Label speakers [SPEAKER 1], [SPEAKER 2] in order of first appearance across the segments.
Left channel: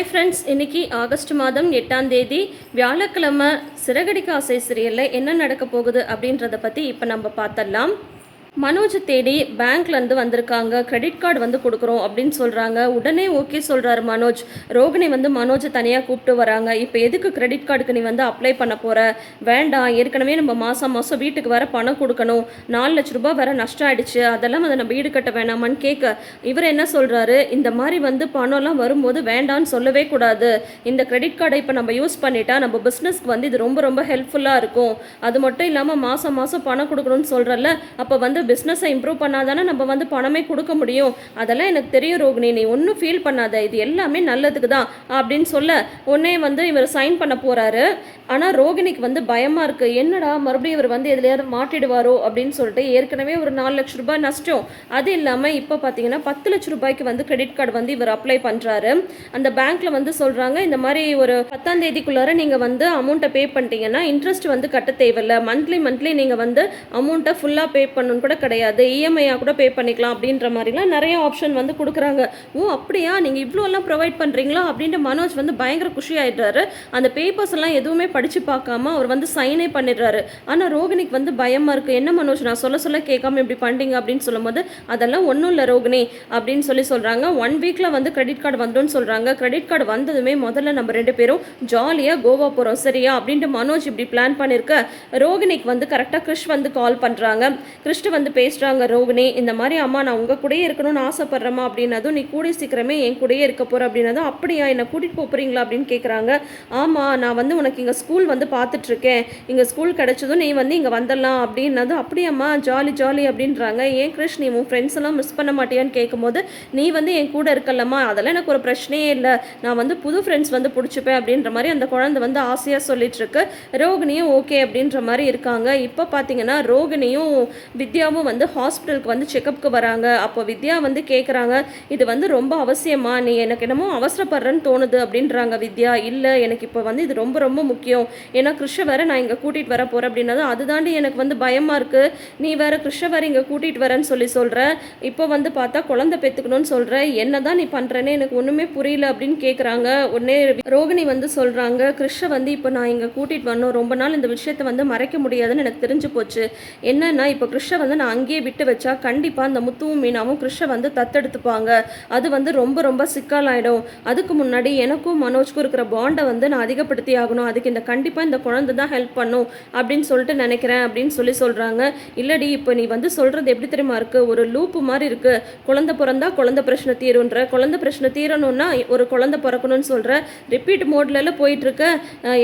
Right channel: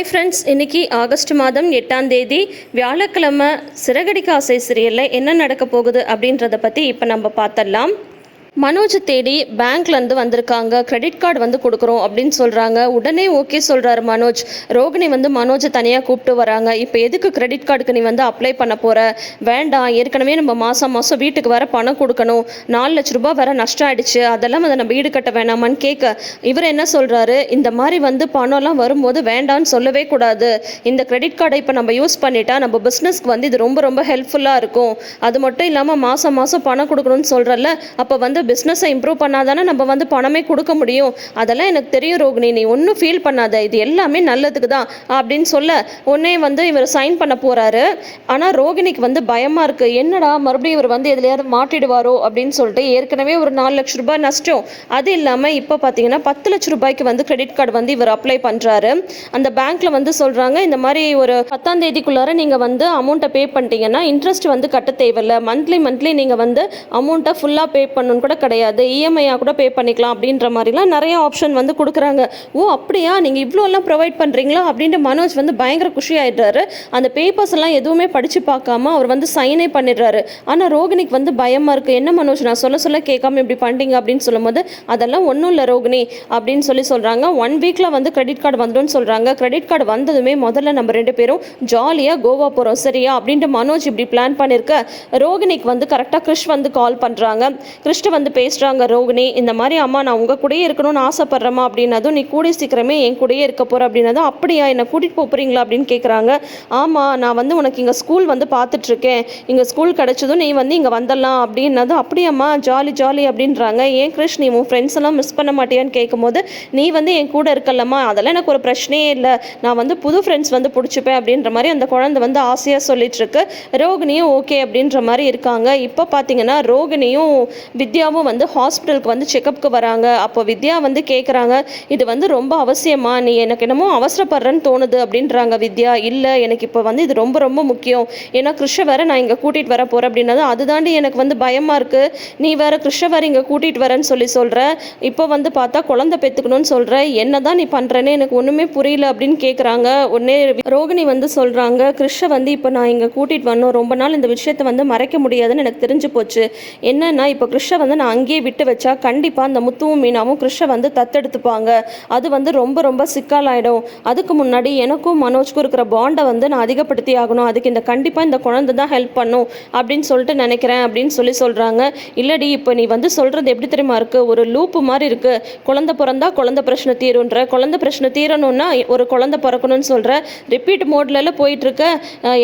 [SPEAKER 1] Hi friends இன்னைக்கு August மாதம் எட்டாம் தேதி வியாழக்கிழமை சிறகடிக்க ஆசை சீரியலில் என்ன நடக்க போகுது அப்படின்றத பற்றி இப்போ நம்ம பார்த்துடலாம். மனோஜ் தேடி பேங்க்லேருந்து வந்திருக்காங்க. கிரெடிட் கார்டு வந்து கொடுக்குறோம் அப்படின்னு சொல்கிறாங்க உடனே ஓகே சொல்கிறாரு மனோஜ். ரோகிணி வந்து மனோஜை தனியாக கூப்பிட்டு வராங்க. இப்போ எதுக்கு கிரெடிட் கார்டுக்கு நீ வந்து அப்ளை பண்ண போகிற வேண்டாம். ஏற்கனவே நம்ம மாதம் மாதம் வீட்டுக்கு வர பணம் கொடுக்கணும். நாலு லட்ச ரூபாய் வர நஷ்டம் ஆயிடுச்சு. அதெல்லாம் வந்து நம்ம வீடு கட்ட வேணாமான்னு கேட்க இவர் என்ன சொல்கிறாரு இந்த மாதிரி வந்து பணம்லாம் வரும்போது வேண்டான்னு சொல்லவே கூடாது. இந்த கிரெடிட் கார்டை இப்போ நம்ம யூஸ் பண்ணிட்டா நம்ம பிஸ்னஸ்க்கு வந்து இது ரொம்ப ரொம்ப ஹெல்ப்ஃபுல்லாக இருக்கும். அது மட்டும் இல்லாமல் மாதம் மாதம் பணம் கொடுக்கணும்னு சொல்கிறல்ல அப்போ வந்து பிஸ்னஸை இம்ப்ரூவ் பண்ணாதானே நம்ம வந்து பணமே கொடுக்க முடியும்? அதெல்லாம் எனக்கு தெரியும் ரோகிணி. நீ ஒன்றும் ஃபீல் பண்ணாத. இது எல்லாமே நல்லதுக்கு தான் அப்படின்னு சொல்ல உடனே வந்து இவர் சைன் பண்ண போகிறாரு ஆனால் ரோகிணிக்கு வந்து பயமாக இருக்குது என்னடா மறுபடியும் இவர் வந்து எதுலையாவது மாட்டிடுவாரோ அப்படின்னு சொல்லிட்டு ஏற்கனவே ஒரு நாலு லட்ச ரூபாய் நஷ்டம். அது இல்லாமல் இப்போ பார்த்தீங்கன்னா பத்து லட்ச ரூபாய்க்கு வந்து கிரெடிட் கார்டு வந்து இவர் அப்ளை பண்ணுறாரு அந்த பேங்க்கில் வந்து சொல்கிறாங்க இந்த மாதிரி ஒரு பத்தாம் தேதிக்குள்ளார நீங்கள் வந்து அமௌண்ட்டை பே பண்ணிட்டீங்கன்னா இன்ட்ரெஸ்ட் வந்து கட்ட தேவையில்லை. மந்த்லி மந்த்லி நீங்கள் வந்து அமௌண்ட்டை ஃபுல்லாக பே பண்ணணும் கூட கிடையாது. இஎம்ஐயாக கூட பே பண்ணிக்கலாம் அப்படின்ற மாதிரிலாம் நிறைய ஆப்ஷன் வந்து கொடுக்குறாங்க. ஓ அப்படியா? நீங்கள் இவ்வளோலாம் ப்ரொவைட் பண்ணுறீங்களா அப்படின்ட்டு மனோஜ் வந்து பயங்கர குஷி ஆகிடுறாரு அந்த பேப்பர்ஸ் எல்லாம் எதுவுமே படித்து பார்க்காம அவர் வந்து சைனே பண்ணிடுறாரு. ஆனால் ரோகிணிக்கு வந்து பயமாக இருக்குது என்ன மனோஜ் நான் சொல்ல சொல்ல கேட்காம இப்படி பண்ணிட்டீங்க அப்படின்னு சொல்லும்போது அதெல்லாம் ஒன்றும் இல்லை ரோகிணி அப்படின்னு சொல்லி சொல்கிறாங்க ஒன் வீக்கில் வந்து கிரெடிட் கார்டு வந்துடும் சொல்கிறாங்க கிரெடிட் கார்டு வந்ததுமே முதல்ல நம்ம ரெண்டு பேரும் ஜாலியாக கோவா போகிறோம் சரியா? அப்படின்ட்டு மனோஜ் இப்படி பிளான் பண்ணியிருக்க ரோகிணிக்கு வந்து கரெக்டாக கிறிஷ் வந்து கால் பண்ணுறாங்க கிறிஸ்ட்டு வந்து பேசுகிறாங்க ரோகிணி இந்த மாதிரி அம்மா நான் உங்கள் கூடயே இருக்கணும்னு ஆசைப்பட்றேம்மா அப்படின்னதும் நீ கூட சீக்கிரமே என் கூடயே இருக்க போகிற அப்படின்னதும் அப்படியா என்னை கூட்டிகிட்டு போகிறீங்களா அப்படின்னு கேட்குறாங்க ஆமாம் நான் வந்து உனக்கு இங்கே ஸ்கூல் வந்து பார்த்துட்ருக்கேன் இங்கே ஸ்கூல் கிடச்சதும் நீ வந்து இங்கே வந்துடலாம் அப்படின்னதும் அப்படியாம்மா ஜாலி ஜாலி அப்படின்றாங்க. ஏன் கிருஷ் நீ உன் ஃப்ரெண்ட்ஸ் எல்லாம் மிஸ் பண்ண மாட்டியான்னு கேட்கும்போது நீ வந்து என் கூட இருக்கலம்மா. அதெல்லாம் எனக்கு ஒரு பிரச்சனையே இல்லை. நான் வந்து புது ஃப்ரெண்ட்ஸ் வந்து பிடிச்சிப்பேன் அப்படின்ற மாதிரி அந்த குழந்தை வந்து ஆசையாக சொல்லிட்டு இருக்கு ரோகிணியும் ஓகே அப்படின்ற மாதிரி இருக்காங்க. இப்போ பார்த்தீங்கன்னா ரோகிணியும் வித்யா வித்யாவும் வந்து ஹாஸ்பிட்டலுக்கு வந்து செக்கப்புக்கு வராங்க. அப்போ வித்யா வந்து கேட்குறாங்க இது வந்து ரொம்ப அவசியமா? நீ எனக்கு என்னமோ அவசரப்படுறேன்னு தோணுது அப்படின்றாங்க வித்யா. இல்லை எனக்கு இப்போ வந்து இது ரொம்ப ரொம்ப முக்கியம். ஏன்னா கிருஷ்ண வேற நான் இங்கே கூட்டிகிட்டு வர போகிறேன் அப்படின்னா அதுதாண்டி எனக்கு வந்து பயமாக இருக்குது நீ வேற கிருஷ்ண வேற இங்கே கூட்டிகிட்டு வரேன்னு சொல்லி சொல்கிற இப்போ வந்து பார்த்தா குழந்தை பெற்றுக்கணும்னு சொல்கிற என்ன தான் நீ பண்ணுறேன்னு எனக்கு ஒன்றுமே புரியல அப்படின்னு கேட்குறாங்க உடனே ரோகிணி வந்து சொல்கிறாங்க கிருஷ்ண வந்து இப்போ நான் இங்கே கூட்டிகிட்டு வரணும். ரொம்ப நாள் இந்த விஷயத்தை வந்து மறைக்க முடியாதுன்னு எனக்கு தெரிஞ்சு போச்சு. என்னன்னா இப்போ கிருஷ்ண வந்து நான் அங்கேயே விட்டு வச்சா கண்டிப்பாக அந்த முத்துவும் மீனாவும் கிருஷ்ண வந்து தத்தெடுத்துப்பாங்க. அது வந்து ரொம்ப ரொம்ப சிக்கலாயிடும். அதுக்கு முன்னாடி எனக்கும் மனோஜ்க்கும் இருக்கிற பாண்டை வந்து நான் அதிகப்படுத்தி ஆகணும். அதுக்கு இந்த கண்டிப்பாக இந்த குழந்தை தான் ஹெல்ப் பண்ணும் அப்படின்னு சொல்லிட்டு நினைக்கிறேன் அப்படின்னு சொல்லி சொல்கிறாங்க இல்லடி இப்போ நீ வந்து சொல்கிறது எப்படி தெரியுமா இருக்குது ஒரு லூப்பு மாதிரி இருக்குது குழந்தை பிறந்தா குழந்தை பிரச்சனை தீருன்ற குழந்தை பிரச்சனை தீரணும்னா ஒரு குழந்தை பிறக்கணும்னு சொல்கிற ரிப்பீட் மோட்லலாம் போயிட்டுருக்க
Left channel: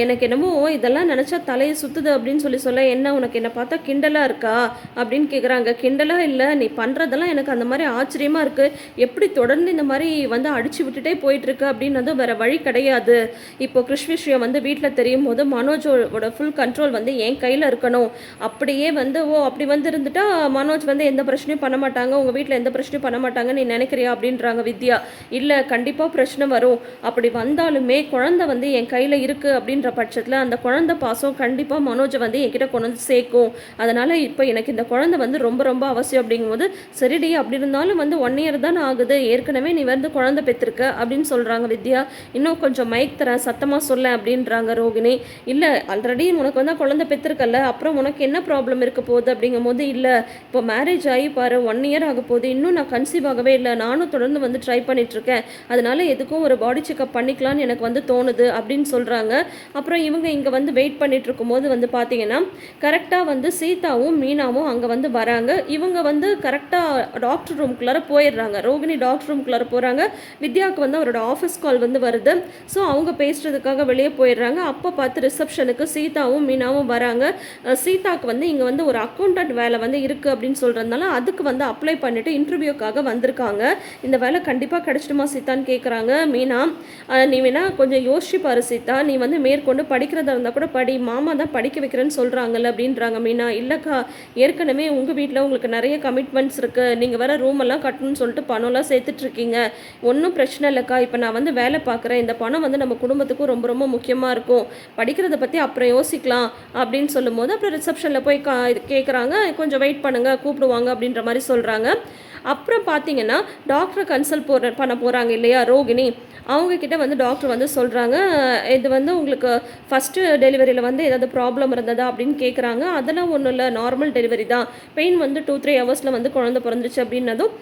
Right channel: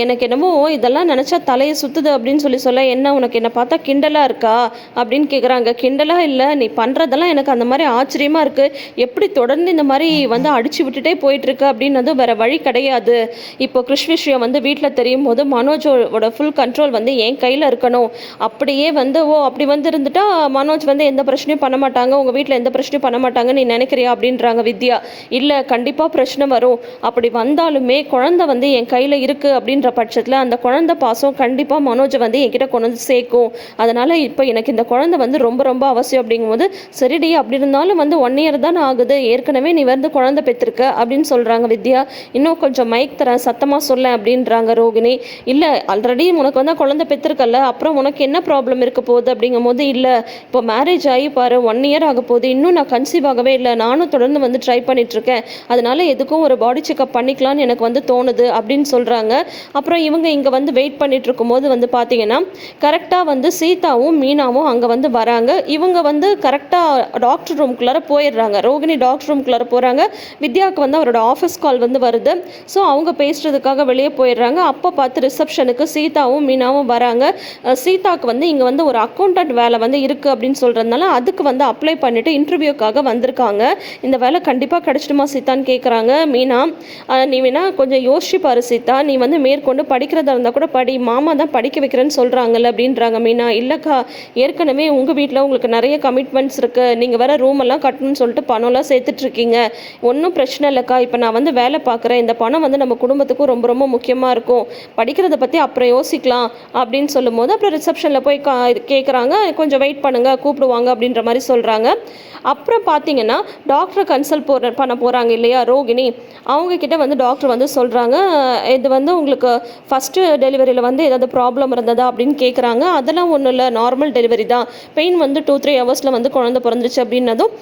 [SPEAKER 1] எனக்கு என்னமோ இதெல்லாம் நினச்சா தலையை சுற்றுது அப்படின்னு சொல்லி சொல்ல என்ன உனக்கு என்னை பார்த்தா கிண்டலாக இருக்கா? அப்படின்னு கேட்குறாங்க கிண்டலாக இல்லை. நீ பண்ணுறதெல்லாம் எனக்கு அந்த மாதிரி ஆச்சரியமாக இருக்குது எப்படி தொடர்ந்து இந்த மாதிரி வந்து அடிச்சு விட்டுட்டே போயிட்டுருக்கு அப்படின்னு வந்து வேறு வழி கிடையாது. இப்போ கிருஷ் விஷயம் வந்து வீட்டில் தெரியும் போது மனோஜோட ஃபுல் கண்ட்ரோல் வந்து என் கையில் இருக்கணும். அப்படியே வந்து ஓ அப்படி வந்து இருந்துட்டா மனோஜ் வந்து எந்த பிரச்சனையும் பண்ண மாட்டாங்க. உங்கள் வீட்டில் எந்த பிரச்சனையும் பண்ண மாட்டாங்க நீ நினைக்கிறியா? அப்படின்றாங்க வித்யா. இல்லை கண்டிப்பாக பிரச்சனை வரும். அப்படி வந்தாலுமே குழந்தை வந்து என் கையில் இருக்குது அப்படின்ற பட்சத்தில் அந்த குழந்தை பாசம் கண்டிப்பாக மனோஜை வந்து என்கிட்ட கொண்டு வந்து சேர்க்கும். அதனால் இப்போ எனக்கு இந்த குழந்தை வந்து ரொம்ப ரொம்ப அவசியம் அப்படிங்கும்போது சரிடி அப்படி இருந்தாலும் வந்து ஒன் இயர் தான் ஆகுது. ஏற்கனவே நீ வந்து குழந்தை பெற்றிருக்க. அப்படின்னு சொல்கிறாங்க வித்யா. இன்னும் கொஞ்சம் மைக் தரேன். சத்தமாக சொல்ல அப்படின்றாங்க ரோகிணி. இல்லை ஆல்ரெடி உனக்கு வந்து குழந்தை பெற்றிருக்கல அப்புறம் உனக்கு என்ன ப்ராப்ளம் இருக்க போகுது? அப்படிங்கும்போது இல்லை. இப்போ மேரேஜ் ஆகி பாரு. ஒன் இயர் ஆக போகுது. இன்னும் நான் கன்சீவ் ஆகவே இல்லை. நானும் தொடர்ந்து வந்து ட்ரை பண்ணிகிட்ருக்கேன் அதனால எதுக்கும் ஒரு பாடி செக்அப் பண்ணிக்கலாம்னு எனக்கு வந்து தோணுது. அப்படின்னு சொல்கிறாங்க அப்புறம் இவங்க இங்கே வந்து வெயிட் பண்ணிட்டு இருக்கும்போது வந்து பார்த்தீங்கன்னா கரெக்டாக வந்து சீதாவும் மீனாவும் அங்கே வந்து வராங்க. இவங்க வந்து கரெக்டாக டாக்டர் ரூம்குள்ளார போயிடுறாங்க. ரோகிணி டாக்டர் ரூம்குள்ளார போகிறாங்க வித்யாவுக்கு வந்து அவரோட ஆஃபீஸ் கால் வந்து வருது. ஸோ அவங்க பேசுகிறதுக்காக வெளியே போயிடுறாங்க. அப்போ பார்த்து ரிசப்ஷனுக்கு சீதாவும் மீனாவும் வராங்க. சீதாவுக்கு சீதாக்கு வந்து இங்கே வந்து ஒரு அக்கௌண்டன்ட் வேலை வந்து இருக்குது அப்படின்னு சொல்கிறதுனால அதுக்கு வந்து அப்ளை பண்ணிவிட்டு இன்டர்வியூக்காக வந்திருக்காங்க. இந்த வேலை கண்டிப்பாக கிடச்சிடுமா சீதான்னு கேட்குறாங்க மீனா. நீ வேணா கொஞ்சம் யோசிச்சுப்பாரு சீதா. நீ வந்து மேற்கொண்டு படிக்கிறதா இருந்தால் கூட படி. மாமா தான் படிக்க வைக்கிறேன்னு சொல்கிறாங்கல்ல அப்படின்றாங்க மீனா. இல்லைக்கா ஏற்கனவே உங்கள் வீட்டில் உங்களுக்கு நிறைய கமிட்மெண்ட்ஸ் இருக்குது நீங்கள் வேறு ரூம் எல்லாம் கட்டணும்னு சொல்லிட்டு பணம்லாம் சேர்த்துட்ருக்கீங்க ஒன்றும் பிரச்சனை இல்லைக்கா. இப்போ நான் வந்து வேலை பார்க்குறேன். இந்த பணம் வந்து நம்ம குடும்பத்துக்கும் ரொம்ப ரொம்ப முக்கியமாக இருக்கும். படிக்கிறத பற்றி அப்புறம் யோசிக்கலாம் அப்படின்னு சொல்லும்போது அப்புறம் ரிசப்ஷனில் போய் கா கேட்குறாங்க கொஞ்சம் வெயிட் பண்ணுங்கள் கூப்பிடுவாங்க அப்படின்ற மாதிரி சொல்கிறாங்க அப்புறம் பார்த்தீங்கன்னா டாக்டரை கன்சல்ட் போகிற பண்ண போகிறாங்க இல்லையா ரோகிணி? அவங்கக்கிட்ட வந்து டாக்டர் வந்து சொல்கிறாங்க இது வந்து உங்களுக்கு ஃபஸ்ட்டு டெலிவரியில் வந்து ஏதாவது ப்ராப்ளம் இருந்ததா அப்படின்னு கேட்குறாங்க அதெல்லாம் ஒன்றும் இல்லை நார்மல் டெலிவரி தான். பெயின் வந்து டூ த்ரீ ஹவர்ஸில் வந்து குழந்தை பிறந்துச்சு அப்படின்னதும்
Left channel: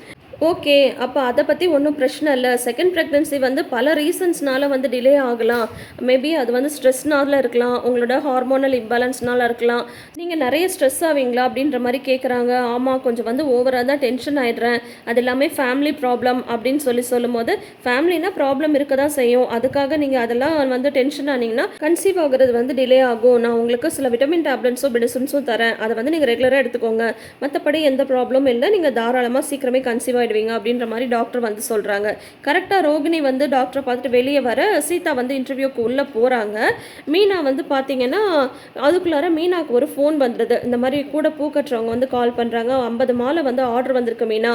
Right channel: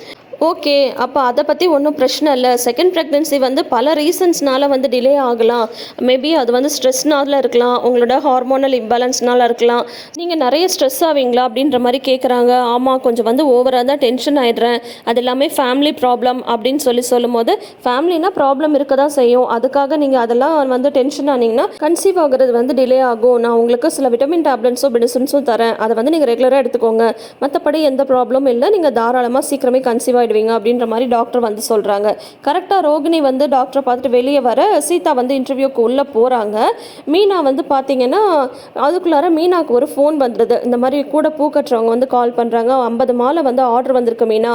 [SPEAKER 1] ஓகே அப்போ அதை பற்றி ஒன்றும் பிரச்சனை இல்லை. செகண்ட் ப்ரெக்னென்சி வந்து பல ரீசன்ஸ்னால வந்து டிலே ஆகலாம். மேபி அது வந்து ஸ்ட்ரெஸ்னால இருக்கலாம். உங்களோட ஹார்மோனல் இம்பேலன்ஸ்னால இருக்கலாம். நீங்கள் நிறைய ஸ்ட்ரெஸ் ஆவீங்களா அப்படின்ற மாதிரி கேட்குறாங்க ஆமாம் கொஞ்சம் வந்து ஓவராக தான் டென்ஷன் ஆகிடுறேன் அது எல்லாமே ஃபேமிலி ப்ராப்ளம் அப்படின்னு சொல்லி சொல்லும்போது ஃபேமிலினா ப்ராப்ளம் இருக்க தான் செய்யும். அதுக்காக நீங்கள் அதெல்லாம் வந்து டென்ஷன் ஆனீங்கன்னா கன்சீவ் ஆகுறது வந்து டிலே ஆகும். நான் உங்களுக்கு சில விட்டமின் டேப்லெட்ஸும் மெடிசன்ஸும் தரேன். அதை வந்து நீங்கள் ரெகுலராக எடுத்துக்கோங்க. மற்றபடி எந்த ப்ராப்ளமும் இல்லை. நீங்கள் தாராளமாக சீக்கிரமே கன்சீவ் ஆகிடுவீங்க அப்படின்ற மாதிரி டாக்டர் வந்து சொல்கிறாங்க கரெக்டாக ரோகிணி வந்து டாக்டரை பார்த்துட்டு வெளியே வர சீதா வந்து இன்டர்வியூக்கு உள்ளே போகிறாங்க மீனா வந்து பார்த்தீங்கன்னா அதுக்குள்ளார மீனாக்கு ஒரு ஃபோன் வந்துடுது இந்த மாதிரி கூட பூ கட்டுறவங்க வந்து கால் பண்ணுறாங்க ஐம்பது மாலை வந்து ஆர்டர் வந்திருக்கு மீனா.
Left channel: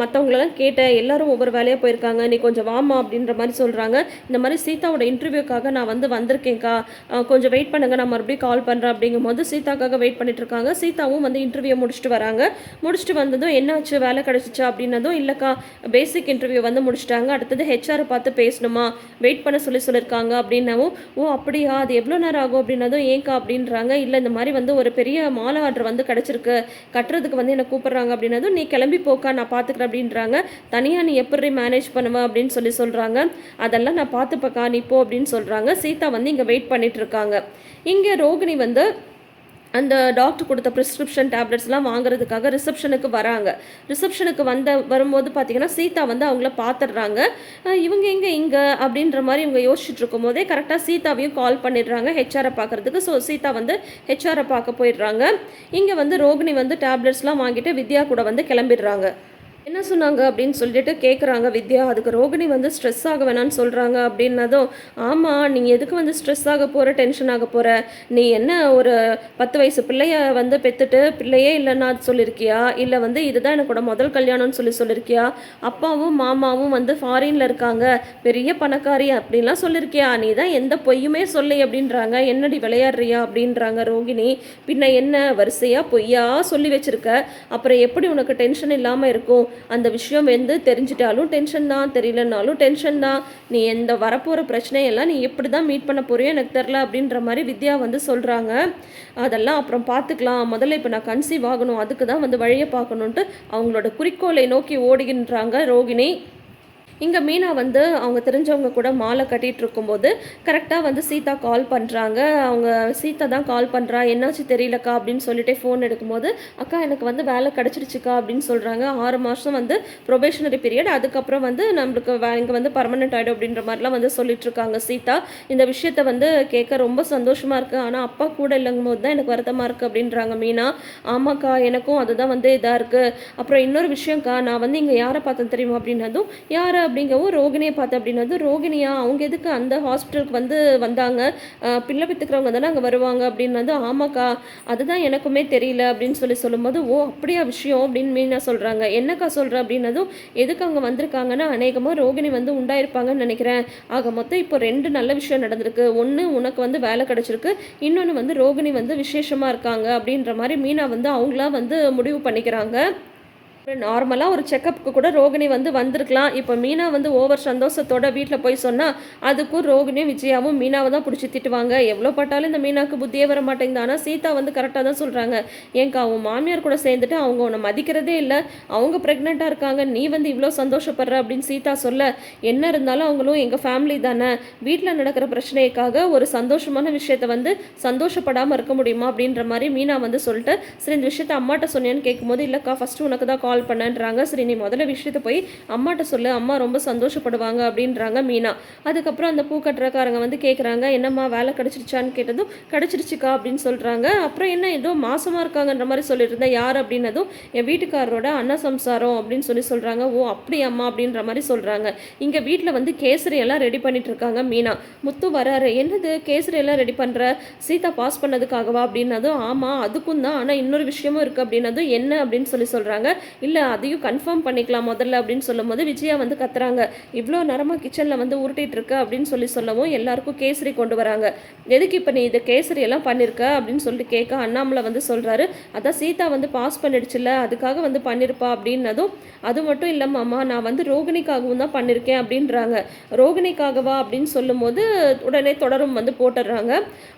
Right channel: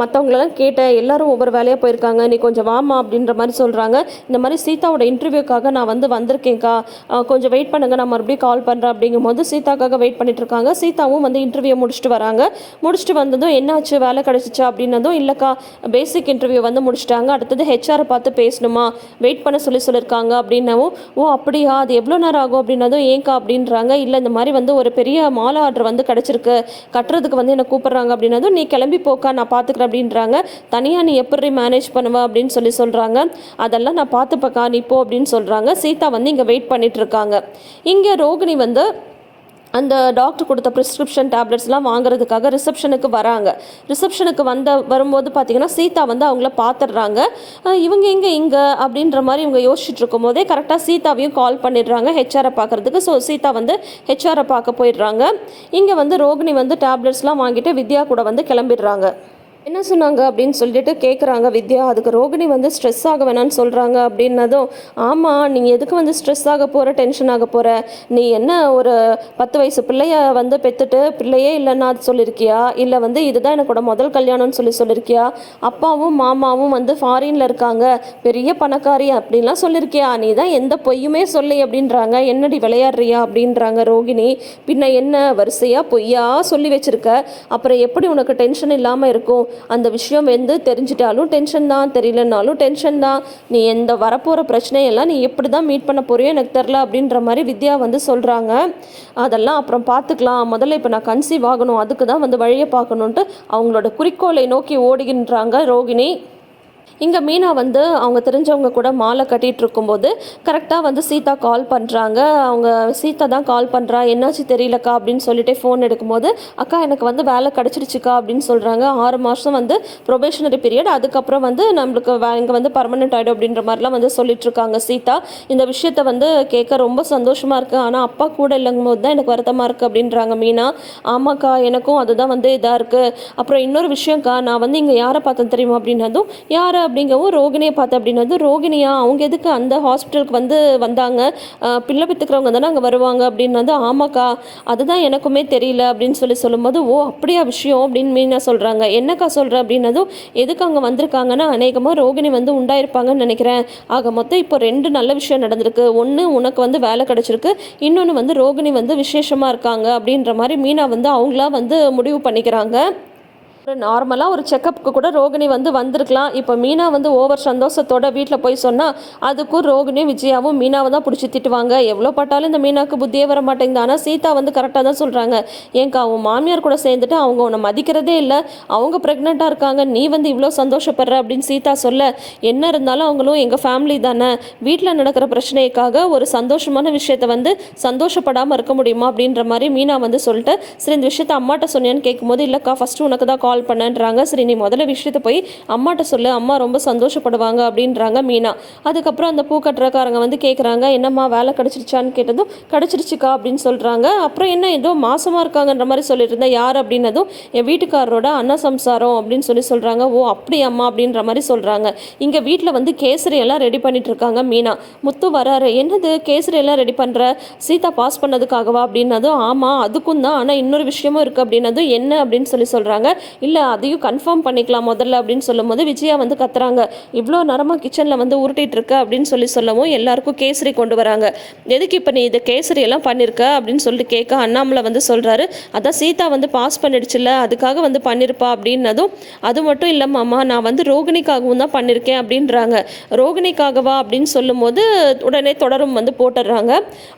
[SPEAKER 1] மற்றவங்களெல்லாம் கேட்டேன். எல்லாரும் ஒவ்வொரு வேலையாக போயிருக்காங்க. நீ கொஞ்சம் வாமா அப்படின்ற மாதிரி சொல்கிறாங்க இந்த மாதிரி சீதாவோட இன்டர்வியூக்காக நான் வந்து வந்திருக்கேன்க்கா. கொஞ்சம் வெயிட் பண்ணுங்க. நான் மறுபடியும் கால் பண்ணுறேன் அப்படிங்கும்போது சீதாக்காக வெயிட் பண்ணிட்டு இருக்காங்க. சீதாவும் வந்து இன்டர்வியூ முடிச்சுட்டு வராங்க. முடிச்சுட்டு வந்ததும் என்னாச்சு? வேலை கிடச்சிச்சா அதுவும் இல்லைக்கா பேசிக் இன்டர்வியூ வந்து முடிச்சிட்டாங்க. அடுத்தது ஹெச்ஆரை பார்த்து பேசணுமா? வெயிட் பண்ண சொல்லி சொல்லியிருக்காங்க அப்படின்னவும் ஓ அப்படியா? அது எவ்வளோ நேரம் ஆகும்? அப்படின்னதும் ஏன்க்கா? அப்படின்றாங்க. இல்லை இந்த மாதிரி வந்து ஒரு பெரிய மாலை ஆர்டர் வந்து கிடச்சிருக்கு. கட்டுறதுக்கு வந்து என்னை கூப்பிட்றாங்க. அப்படின்னதும் நீ கிளம்பி போக்கா நான் பார்த்துக்கிறேன். அப்படின்றாங்க. தனியாக நீ எப்படி மேனேஜ் பண்ணுவ? அப்படின்னு சொல்லி சொல்கிறாங்க அதெல்லாம் நான் பார்த்துப்பக்கா நீ போ. அப்படின்னு சொல்கிறாங்க சீதா வந்து இங்கே வெயிட் பண்ணிகிட்ருக்காங்க இங்கே ரோகிணி வந்து அந்த டாக்டர் கொடுத்த ப்ரிஸ்கிரிப்ஷன் டேப்லெட்ஸ்லாம் வாங்குறதுக்காக ரிசப்ஷனுக்கு வராங்க. ரிசப்ஷனுக்கு வந்த வரும்போது பார்த்தீங்கன்னா சீதா வந்து அவங்கள பார்த்துடுறாங்க இவங்க எங்கே இங்கே? அப்படின்ற மாதிரி இவங்க யோசிச்சுட்டு இருக்கும்போதே கரெக்டாக சீதாவையும் கால் பண்ணிடுறாங்க ஹெச்ஆரை பார்க்குறதுக்கு ஸோ சீதா வந்து ஹெச்ஆரை பார்க்க போயிடுறாங்க. இங்கே வந்து ரோகிணி வந்து டேப்லெட்ஸ்லாம் வாங்கிட்டு வித்யா கூட வந்து கிளம்பிடுறாங்க. என்ன சொன்னாங்க அப்படின்னு சொல்லிட்டு கேட்குறாங்க வித்யா. அதுக்கு ரோகிணி வந்து ஸ்ட்ரெஸ் ஆக வேணாம்னு சொல்கிறாங்க அப்படின்னதும் ஆமாம் நீங்கள் எதுக்கு வந்து ஸ்ட்ரெஸ் ஆக போகிற டென்ஷன் ஆக போகிற நீ என்ன ஒரு பத்து வயசு பிள்ளைய வந்து பெற்றுட்டு பிள்ளையே இல்லைன்னா அது சொல்லியிருக்கியா இல்லை வந்து இதுதான் எனக்கோட முதல் கல்யாணம்னு சொல்லி சொல்லியிருக்கியா அப்பாவும் மாமாவும் வந்து ஃபாரினில் இருக்காங்க பெரிய பணக்காரி அப்படின்லாம் சொல்லியிருக்கியா நீ தான் எந்த பொய்யுமே சொல்லி அப்படின்றாங்க. என்னடி விளையாடுறியா அப்படின்றாங்க ரோகிணி. பின்ன என்ன வரிசையாக பொய்யா சொல்லி வச்சிருக்க? அப்புறம் எப்படி உனக்கு டென்ஷன் இல்லாமல் இருக்கும்? அந்த விஷயம் வந்து தெரிஞ்சிட்டாலும் டென்ஷன் தான் தெரியலனாலும் டென்ஷன் தான். நீ எந்த வரப்போகிற பிரச்சனையெல்லாம் நீ எப்படி தான் மீட் பண்ண போறியோ எனக்கு தெரில அப்படின்ற மாதிரி வித்யா வந்து சொல்கிறாங்க அதெல்லாம் அப்புறம் பார்த்துக்கலாம். முதல்ல இப்போ நான் கன்சீவ் ஆகணும். அதுக்கு தான் வந்து வழியை பார்க்கணுன்ட்டு அவங்களோட குறிக்கோளை நோக்கி ஓடுகின்றாங்க ரோகிணி. இங்கே மீனா வந்து அவங்க தெரிஞ்சவங்க கூட மாலை கட்டிகிட்டு இருக்கும்போது கரெக்டாக வந்து சீதா கால் பண்ணுறாங்க அவங்க சீதா தான் கால் பண்ணுறா என்னாச்சு தெரியலக்கா அப்படின்னு சொல்லிட்டு ஃபோன் எடுக்கும்போது அக்கா எனக்கு வந்து வேலை கிடச்சிருச்சுக்கா அப்படின்னு சொல்கிறாங்க ஆறு மாதம் வந்து ப்ரொபேஷனரி பீரியட் அதுக்கப்புறம் வந்து நம்மளுக்கு வே இங்கே வந்து பர்மனெண்ட் ஆகிடும் அப்படின்ற மாதிரிலாம் வந்து சொல்லிட்டுருக்காங்க சீதா. இந்த விஷயத்த வந்து கேட்க ரொம்ப சந்தோஷமாக இருக்குது ஆனால் அப்பா கூட இல்லைங்கும் போது தான் எனக்கு வருத்தமாக இருக்குது அப்படின்றாங்க மீனா. ஆமாக்கா எனக்கும் அதுதான் வந்து இதாக இருக்குது அப்புறம் இன்னொரு விஷயம்க்கா நான் வந்து இங்கே யாரை பார்த்தேன் தெரியுமா அப்படின்னதும் யாரை அப்படிங்கவும் ரோகிணியை பார்த்து அப்படின்னு வந்து ரோகிணியா அவங்க எதுக்கு அந்த ஹாஸ்பிட்டலுக்கு வந்து வந்தாங்க? பிள்ளை பெற்றுக்கிறவங்க தானே அங்கே வருவாங்க? அப்படின்னது ஆமாக்கா அதுதான் எனக்குமே தெரியல அப்படின்னு சொல்லி சொல்லும்போது ஓ அப்படியா விஷயம்? அப்படின்னு மீனா சொல்கிறாங்க என்னக்கா சொல்கிற அப்படின்னதும் எதுக்கு அங்கே வந்திருக்காங்கன்னா அநேகமாக ரோகிணி வந்து உண்டாயிருப்பாங்கன்னு நினைக்கிறேன். ஆக மொத்தம் இப்போ ரெண்டு நல்ல விஷயம் நடந்திருக்கு. ஒன்று உனக்கு வந்து வேலை கிடச்சிருக்கு. இன்னொன்று வந்து ரோகிணி வந்து விசேஷமாக இருக்காங்க. அப்படின்ற மாதிரி மீனா வந்து அவங்களா வந்து முடிவு பண்ணிக்கிறாங்க. ஒரு நார்மலாக ஒரு செக்கப்புக்கு கூட ரோகிணி வந்து வந்திருக்கலாம். இப்போ மீனா வந்து ஓவர் சந்தோஷத்தோட வீட்டில் போய் சொன்னால் அதுக்கும் ரோகிணியும் விஜயாவும் மீனாவை தான் பிடிச்சி திட்டுவாங்க. எவ்வளோ பட்டாலும் இந்த மீனாவுக்கு புத்தியே வர மாட்டேங்குது. ஆனால் சீதா வந்து கரெக்டாக தான் சொல்கிறாங்க ஏங்கா அவன் மாமியார் கூட சேர்ந்துட்டு அவங்க உன்னை மதிக்கிறதே இல்லை. அவங்க ப்ரெக்னெண்ட்டாக இருக்காங்க. நீ வந்து இவ்வளோ சந்தோஷப்படுற அப்படின்னு சீதா சொல்ல என்ன இருந்தாலும் அவங்களும் எங்கள் ஃபேமிலி தானே. வீட்டில் நடக்கிற பிரச்சனைக்காக ஒரு சந்தோஷமான விஷயத்தை வந்து சந்தோஷப்படாமல் இருக்க முடியுமா அப்படின்ற மாதிரி மீனா வந்து சொல்லிட்டு சரி இந்த விஷயத்த அம்மாட்ட சொன்னேன்னு கேட்கும்போது இல்லைக்கா ஃபஸ்ட்டு உனக்கு தான் கால் பண்ணன்றாங்க. சரி நீ முதல்ல விஷயத்த போய் அம்மாட்ட சொல்லு. அம்மா ரொம்ப சந்தோஷப்படுவாங்க அப்படின்றாங்க மீனா. அதுக்கப்புறம் அந்த பூ கட்டுறக்காரங்க வந்து கேட்குறாங்க என்னம்மா வேலை கிடச்சிருச்சான்னு கேட்டதும் கிடச்சிருச்சுக்கா அப்படின்னு சொல்கிறாங்க அப்புறம் என்ன ஏதோ மாசமாக இருக்காங்கன்ற மாதிரி சொல்லிட்டு இருந்தேன் யார் அப்படின்னதும் என் வீட்டுக்காரரோட அண்ணா சம்சாரம் அப்படின்னு சொல்லி சொல்கிறாங்க ஓ அப்படியாம்மா அப்படின்ற மாதிரி சொல்கிறாங்க இங்கே வீட்டில் வந்து கேசரி எல்லாம் ரெடி பண்ணிட்டு இருக்காங்க மீனா. முத்து வராரு என்னது கேசரி எல்லாம் ரெடி பண்ணுற சீதா பாஸ் பண்ணதுக்காகவா? அப்படின்னதும் ஆமாம் அதுக்கும் தான். ஆனால் இன்னொரு விஷயமும் இருக்குது அப்படின்னதும் என்ன? அப்படின்னு சொல்லி சொல்கிறாங்க இல்லை அதையும் கன்ஃபார்ம் பண்ணிக்கலாம் முதல்ல அப்படின்னு சொல்லும்போது விஜயா வந்து கத்துறாங்க. இவ்வளோ நேரமாக கிச்சனில் வந்து உருட்டிட்டு இருக்க அப்படின்னு சொல்லி சொல்லவும் எல்லாருக்கும் கேசரி கொண்டு வராங்க. எதுக்கு இப்போ நீ இது கேசரி எல்லாம் பண்ணியிருக்க அப்படின்னு சொல்லிட்டு கேட்க அண்ணாமலை வந்து சொல்கிறாரு அதான் சீதா வந்து பாஸ் பண்ணிடுச்சுல்ல அதுக்காக வந்து பண்ணியிருப்பா அப்படின்னதும் அது மட்டும் இல்லை மாமா நான் வந்து ரோகிணிக்காகவும் தான் பண்ணியிருக்கேன் அப்படின்றாங்க. ரோகிணிக்காகவா அப்படின்னு சொல்லும்போது உடனே தொடரும் வந்து போட்டுடுறாங்க.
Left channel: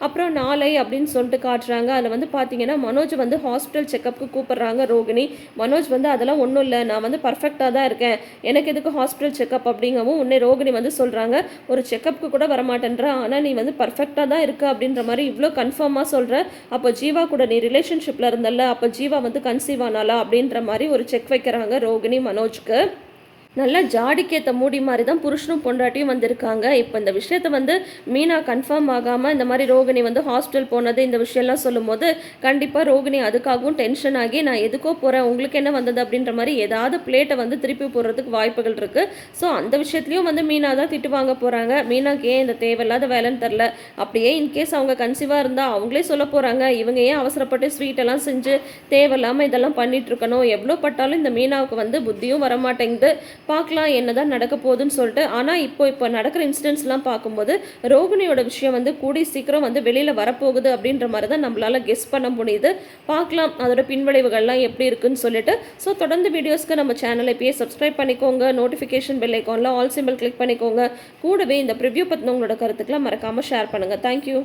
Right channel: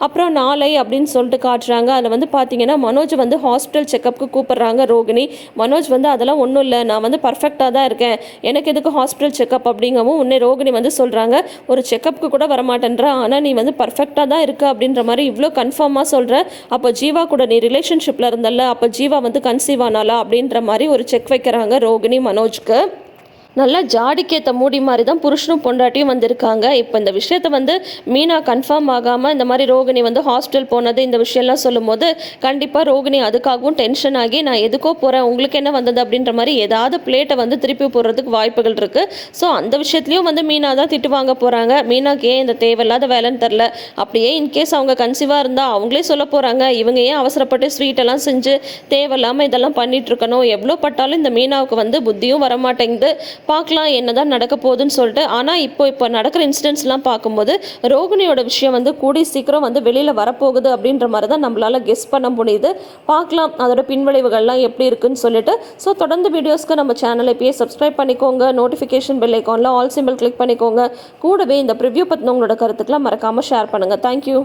[SPEAKER 1] அப்புறம் நாளை அப்படின்னு சொல்லிட்டு காட்டுறாங்க. அதில் வந்து பார்த்தீங்கன்னா மனோஜ் வந்து ஹாஸ்பிட்டல் செக்கப்புக்கு கூப்பிட்றாங்க ரோகிணி. மனோஜ் வந்து அதெல்லாம் ஒன்றும் இல்லை. நான் வந்து பர்ஃபெக்டாக தான் இருக்கேன். எனக்கு எதுக்கு ஹாஸ்பிட்டல் செக்கப் அப்படிங்கவும் உன்னை ரோகிணி வந்து சொல்கிறாங்க ஒரு செக்கப்புக்கு கூட வரமாட்டேன்ற. ஆனால் நீ வந்து பர்ஃபெக்டாக தான் இருக்க அப்படின்ற மாதிரி இவ்வளோ கன்ஃபார்மாக சொல்கிற அப்போ ஜீவா கூட நீ ரிலேஷன்ஷிப்பில் இருந்தல்ல. அப்போ ஜீவா வந்து கன்சீவ் ஆனாலா அப்படின்ற மாதிரி ஒரு செக் வைக்கிறாங்க ரோகிணி மனோஜ்க்கு. நல்லா ஜாடிக்கேற்ற மூடி மாதிரி தான் புருஷனும் பொண்டாட்டியும் வந்திருக்காங்க. இப்போ இந்த விஷயத்த வந்து மீனா கன்ஃபார்ம் ஆகாமல் இந்த மாதிரி ரோகிணி வந்து ஹாஸ்பிட்டல் போனது இந்த விஷயம்லாம் சொல்லும்போது கண்டிப்பாக ரோகிணி அதுக்காகவும் டென்ஷன் ஆகி நான் எதுக்கோ போகிறேன் உங்களுக்கு என்ன வந்தது? அப்படின்ற மாதிரி ஏதாவது பிளேட்டை வந்து திருப்பி போடுறதுக்கு வாய்ப்புகள் இருக்குது ஸோ அந்த விஷயத்துலையும் வந்து மீனா தான் திட்டு வாங்க போகிறாங்க மீனாக்கு ஏன் இந்த தேவையில்லாத வேலைன்னு தெரில அப்படியே இன்கேஸ் அவங்க கன்சீவாக இருந்தால் அவங்களே சொல்ல போகிறாங்க இவங்க ஏன் அவசரப்பட்டு ஸ்வீட்டெல்லாம் செஞ்சு தேவையில்லாமல் இதெல்லாம் பண்ணிகிட்ருக்கணும் இருக்கணும்? எவ்வளோ பட்டாலும் இந்த மீனாவுக்கு வந்து புத்தியும் வரமாட்டேங்குது. பார்க்கலாம் என்னதான் நடக்க போகுதுன்னு சொல்லிட்டு. ஆனால் இப்போ இப்போ நடக்கிற இன்சிடென்ட்ஸ்லாம் பார்க்கும்போது ரோகிணியோட விஷயம் வந்து கூடி சீக்கிரம் வந்து வெளியில் வரப்போகுது அப்படின்ற மாதிரி தான் நம்மளால் கெஸ் பண்ண முடியுது. பார்க்கலாம் அதோட பின்விளைவுகள்லாம் எப்படி இருக்குன்னு சொல்லிட்டு. ஸோ தொடர்ந்து வீடியோஸ்க்கு நம்ம சேனலை இப்பயே சப்ஸ்கிரைப் பண்ணிக்கோங்க. நோட்டிஃபிகேஷன் பெல் ஐக்கானில் ஆல் சிம்பிள் கிளிக் பண்ணிக்கோங்க. கூடவே இந்த ப்ரிவ்யூ பற்றின உங்களோட கருத்துக்கெல்லாம் மறக்காமல் ஷேர் பண்ணுங்கள் தேங்க்யூ